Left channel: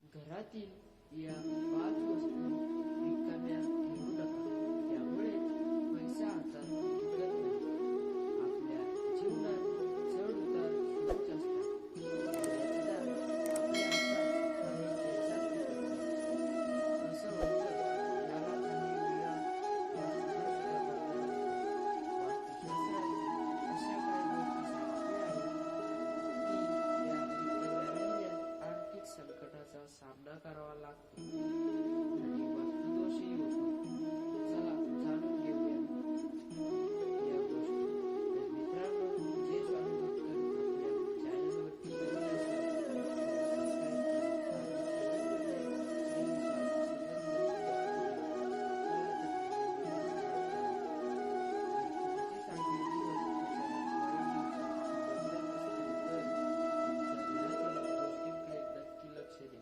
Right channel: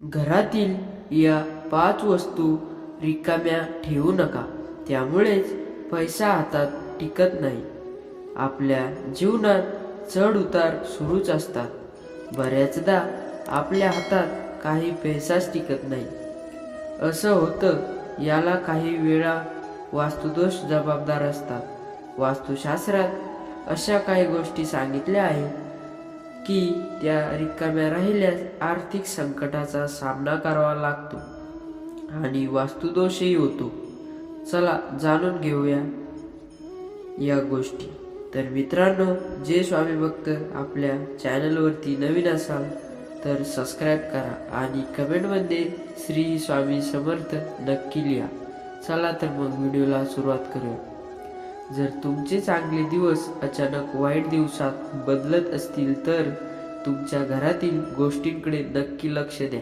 घरातील या 5 वस्तू रिकाम्या ठेवू नका. त्यामुळेच पैसा हातात टिकत नाही. आपल्या जीवनात चढ उतार सुरूच असतात. बऱ्याचदा आपल्या हातात काही पैसाच टिकत नाही. असं होतं. याला काही वेळा वास्तुदोष जबाबदार असतात. वास्तुशास्त्रात अशा काही गोष्टी सांगितल्या आहेत की त्या रिकाम्या राहिल्यास आर्थिक संकटाचा सामना करावा लागतो आणि वास्तुदोषही होतो. चला जाणून घेऊया या गोष्टी. तर मित्रांनो, जे स्वामी भक्त आपल्या चॅनलवरती नवीन असाल तर सबस्क्राईब करा आणि कमेंटमध्ये श्री स्वामी समर्थ नक्की लिहा. चला तर मग व्हिडिओला सुरुवात करूया. जर तुमचे चांगले दिवस अचानक वाईट दिवसात बदलत असतील तर तुमच्या घरातील गोष्टींकडे नक्की लक्ष द्या.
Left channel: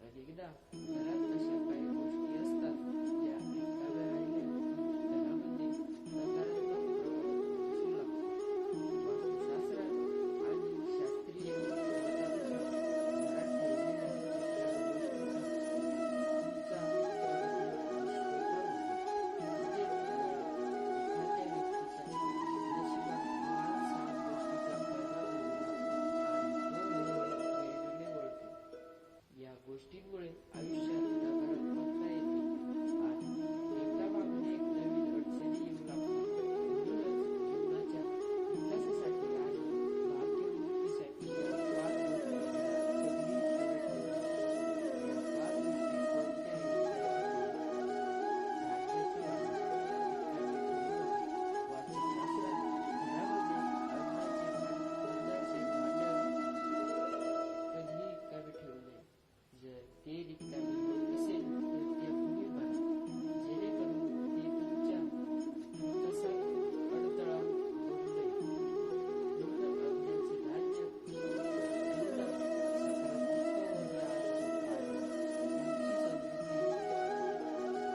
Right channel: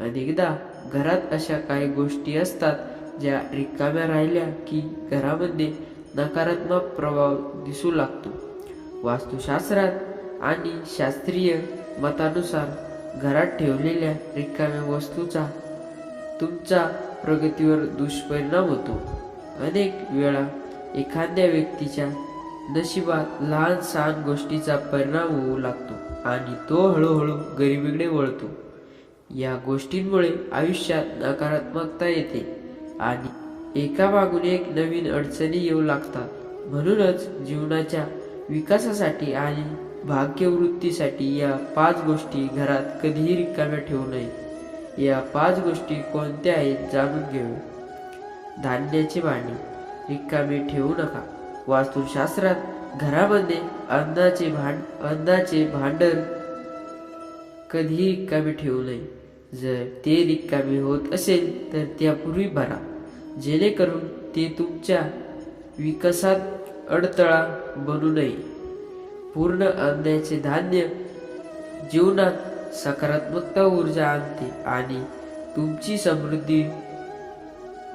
अनेकदा घरात अशा काही गोष्टी असतात ज्या रिकाम्या राहिल्या की घरामध्ये नकारात्मक प्रभाव दिसू लागतो. वास्तुशास्त्रात आणि शास्त्रीय मतानुसार घरात ठेवलेल्या रिकाम्या वस्तूचा तुमच्या प्रगतीवर दुष्परिणाम होतो. अनेक वेळा एखाद्या व्यक्तीच्या नशिबात लहान सहान गोष्टीचा परिणाम होऊ लागतो आणि तो हळूहळू गरिबीकडे वळतो. या गोष्टींमुळे आयुष्यात नकारात्मकता येते आणि एकामागून एक नवीन अडचणी येऊ लागतात. म्हणूनच जीवनाच्या विकासासाठी आणि भाग्यवृद्धीसाठी या 5 गोष्टी घरात कधीही रिकाम्या ठेवू नये. या 5 गोष्टी कोणत्या आहेत जाणून घेऊ. धान्याचे भांडे रिकामे ठेवू नका. वास्तुशास्त्रात घरामध्ये अन्नाचे भांडण कधीही रिकामे ठेवू नये. जर ते रिकामे होत असेल तर त्यापूर्वी भरा, जेणेकरून ते तुमच्या विकासात अडथळा बनू नये. पूर्ण अन्नाचे धान्य जीवनात सकारात्मकता ऊर्जा आणते आणि तुमची समृद्धी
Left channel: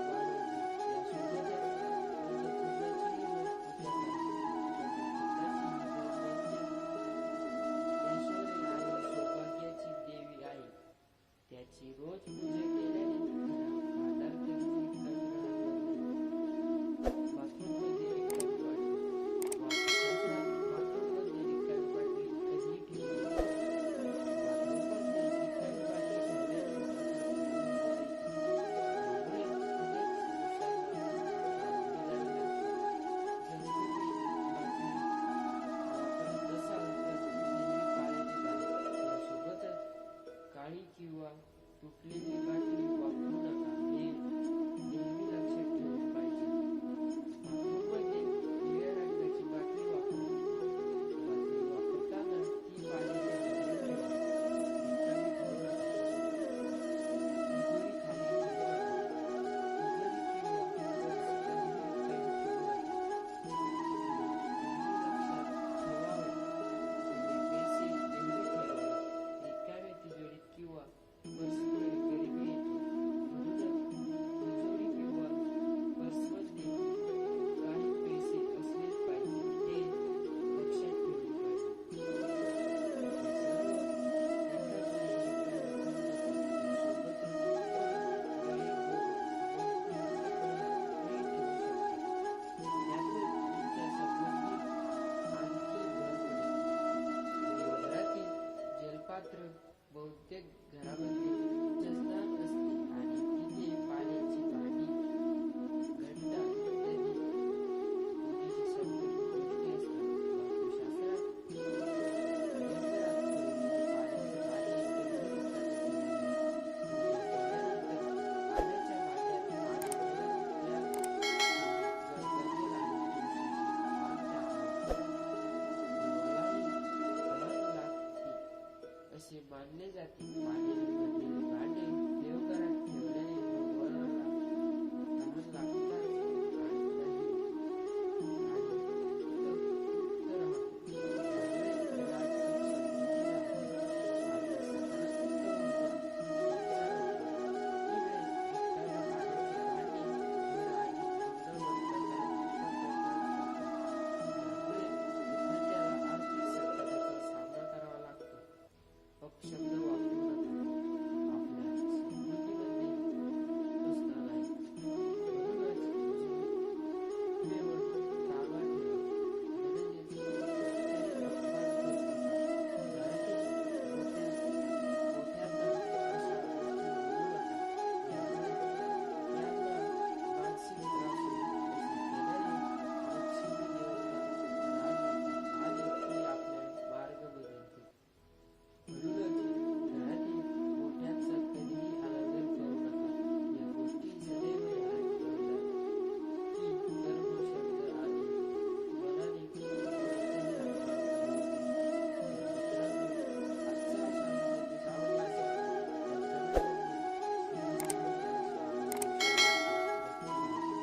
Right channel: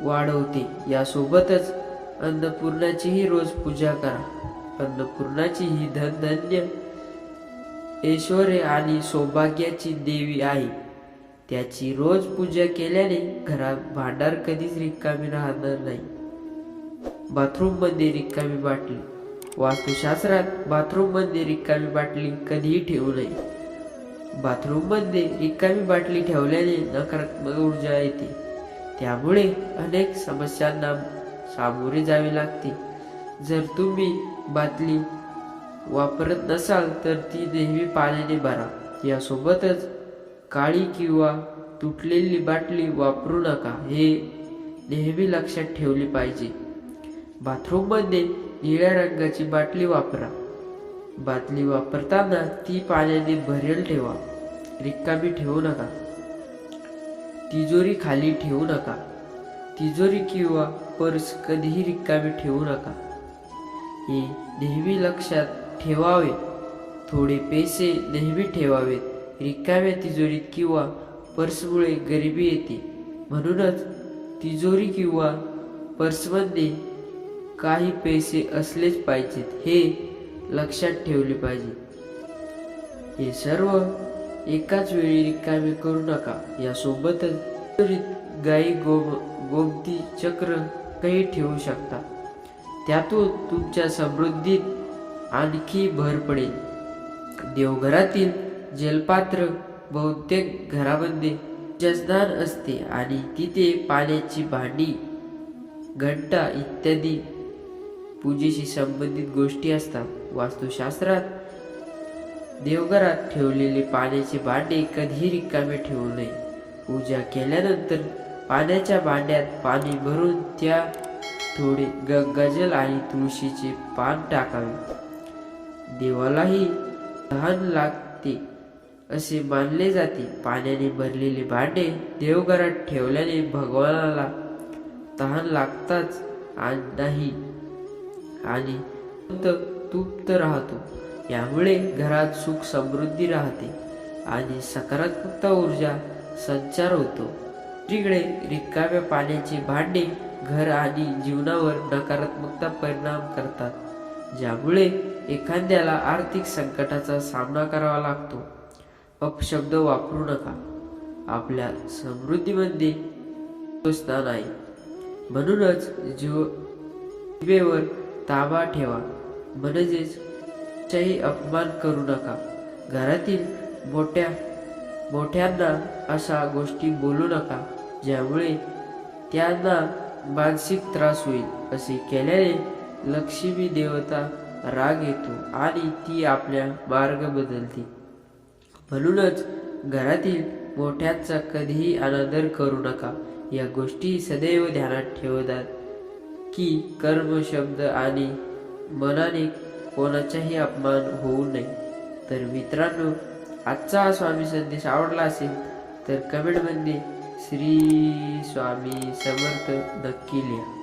वाढवते. यासोबतच अन्नपूर्णाचीही रोज पूजा करा. अन्नपूर्णाची ही धनधान्य, ऐश्वर आणि सौभाग्याची देवी आहे. त्याची रोज पूजा केल्याने घरात भांडार कधीच रिकामी राहणार नाही. बाथरूममध्ये रिकामी बाटली. वास्तुशास्त्रात बाथरूममध्ये रिकामी बाटली कधीही ठेवू नये. बाथरूममध्ये रिकामी बाटली ठेवल्याने नकारात्मक ऊर्जा येते. त्यामुळे अनेक समस्यांना सामोरे जावे लागते. जर तुम्ही बाटली वापरत नसाल तर ती नेहमी पाण्याने भरा. यासोबतच काळी किंवा तुटलेली बाटली वापरू नका, हे नेहमी लक्षात ठेवले पाहिजे. बाथरूममध्ये निळ्या रंगाची बाटली वापरा. बाटली वापरताना ती पाण्याने भरेल ठेवा, रिकामी ठेवू नका. तिजोरी खाली ठेवू नका. तिजोरी किंवा पर्स कधीही रिकामी ठेवू नका, हे नेहमी लक्षात ठेवावे. थोडे पैसे नेहमी ठेवावेत. रिकाम्या तिजोरीत किंवा पर्समुळे गरिबी येते. म्हणूनच तिजोरी किंवा पर्समध्ये काही पैसे असलेच पाहिजेत, हे लक्षात ठेवले पाहिजे. हे सर्व एकाच वेळी रिकामे करू नका. यासोबतच गाई गोमती चक्र काही ठेवू शकता. त्यातून तुमच्या समृद्धीत आणखी भर पडेल. देवघरातील जलपात्र बहुतेक घरामध्ये जसदान असते आणि तिथे पाण्याची भांडी, घंटा इत्यादी पूजेशी संबंधित गोष्टी असतात. वास्तुशास्त्रात देवघरात ठेवलेले पाण्याचे भांडे कधीही रिकामे ठेवू नये. पूजा केल्यानंतर पाण्याच्या भांड्यात पाणी भरून त्यात थोडे गंगाजल आणि तुळशीचे पान टाकावे. देवालाही तहान लागते असे मानले जाते. पाण्याने भरलेले भांडे देवघरात ठेवल्याने भगवानाला तहान लागताच नाही आणि तृप्त राहतो. यामुळे घरात सुख समृद्धी राहते आणि सकारात्मकता ऊर्जा संचार होतो. दुसरीकडे रिकाम्या पाण्याचे भांडे घर आणि जीवनावर नकारात्मकता परिणाम करतात, ज्यामुळे एखाद्याला आर्थिक संकटाचा सामना करावा लागतो. अपशब्द वापरू नका. आपल्या समृद्धीमध्ये स्थान आहे. म्हणूनच जिभेवर ताबा ठेवा, म्हणजेच कोणाचाही अपमान करू नका. घरातील मोठ्यांना अशा गोष्टी बोलू नका ज्यामुळे त्यांना मानसिक त्रास होईल. असे केल्याने लक्ष्मी देवता राग येतो आणि ती आपल्या मार्ग बदलते. म्हणूनच घरातील मोठ्यांचा कधीही अनादर करू नका. या गोष्टी सदैव ध्यानात ठेवतात की कर्म, शब्द आणि मनाने कोणाचाही अपमान होऊ नये. तर मित्रांनो, आजचा हा स्वामी संदेश आवडला असेल तर कमेंटमध्ये श्री स्वामी समर्थ नक्की लिहा.